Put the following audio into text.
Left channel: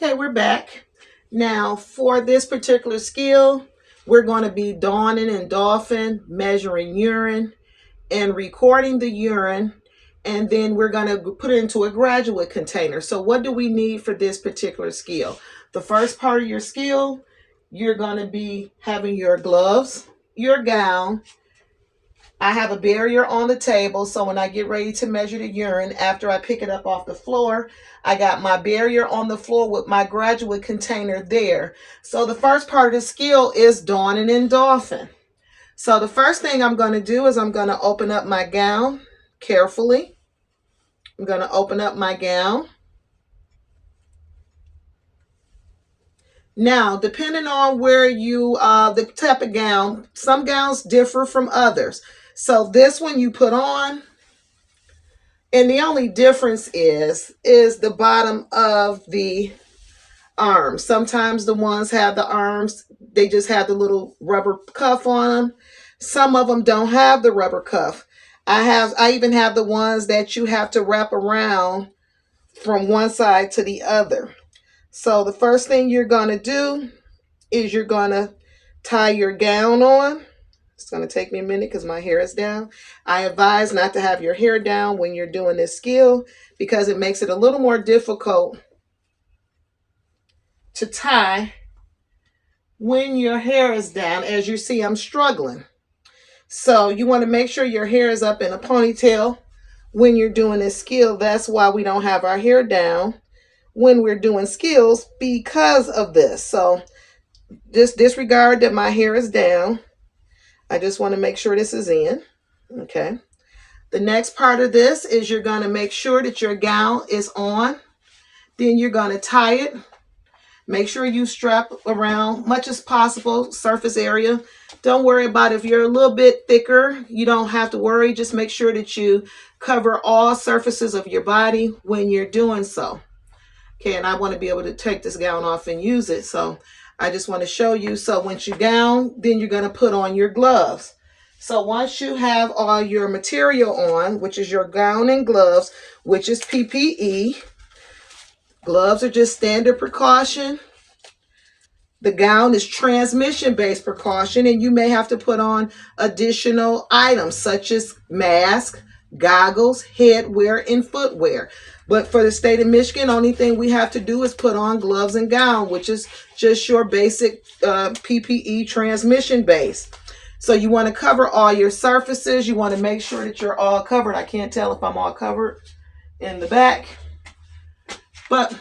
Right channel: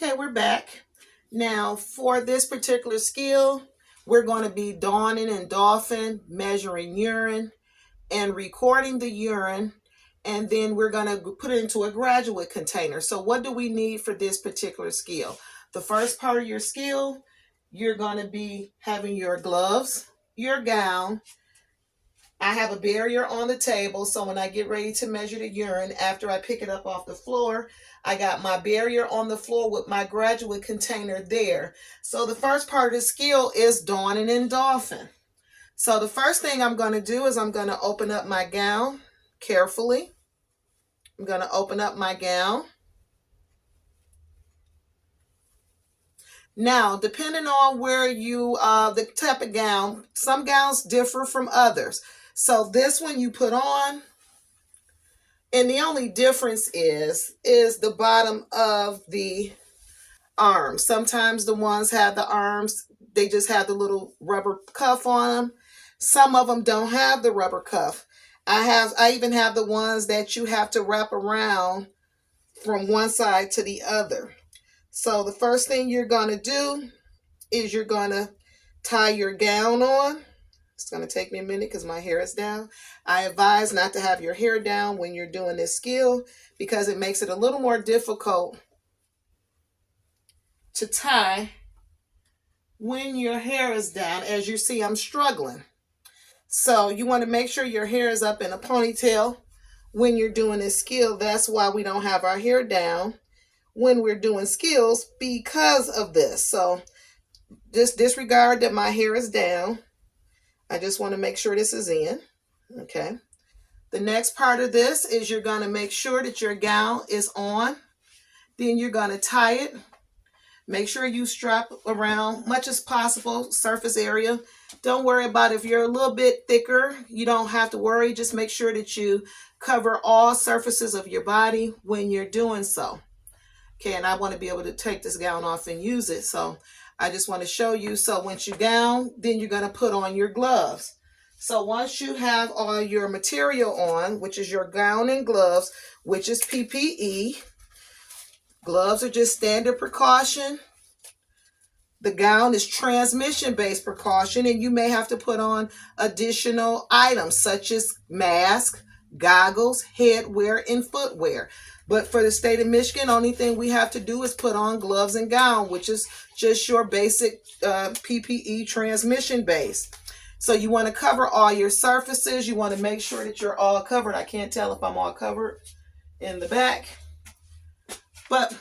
Okay, we're back. Now, for this particular skill, we're going to be donning and doffing, measuring urine, and recording the urine, and then we're going to put it into a graduate container. So what do we need for this particular skill? The first part of your skill, you're going to be having your gloves, your gown. I have a barrier on the table, so when I get ready to measure the urine, after I pick it up off the floor, I got my barrier on the floor with my graduate container there. So the first part of the skill is donning and doffing. So the first thing I'm going to do is I'm going to open up my gown carefully. I'm going to open up my gown. Now, depending on where you, the type of gown, some gowns differ from others. So this one you put on, and the only difference is the bottom of the arms. Sometimes the ones have the arms, they just have the little rubber cuff on them. Some of them don't have the rubber cuff. I even have the ones that you have to wrap around from one side to the other. So the first thing you're going to do is you're going to tie your gown on. It's going to take me a minute because my hair is down. I advise not to have your hair down when you're doing this skill because it makes it a little more difficult to tie when your hair is down. As you see, I'm struggling. So you want to make sure your hair is up in a ponytail when you're doing this skill. That's why we don't have our hair down when we're doing skills, because of this. So just disregard that my hair is down. I just want to make sure this is in. Okay. The next part of this is you're going to make sure that your gown is on. Then you're going to tie it. Make sure you strap around much as possible surface area. Don't worry about if you're a little bit thicker. You don't have to worry. Just make sure that you cover all surfaces of your body when you're doing so. Okay, and I want to be able to take this gown off and use it. So I just want to show you. So once you gown, then you're going to put on your gloves. So once you have all your material on, which is your gown and gloves, which is PPE, gloves are just standard precaution. The gown is transmission-based precaution, and you may have to put on additional items such as mask, goggles, headwear, and footwear. But for the state of Michigan, only thing we have to do is put on gloves and gown, which is just your basic PPE transmission base. So you want to cover all your surfaces. You want to make sure that you're all covered. I can't tell if I'm all covered in the back, but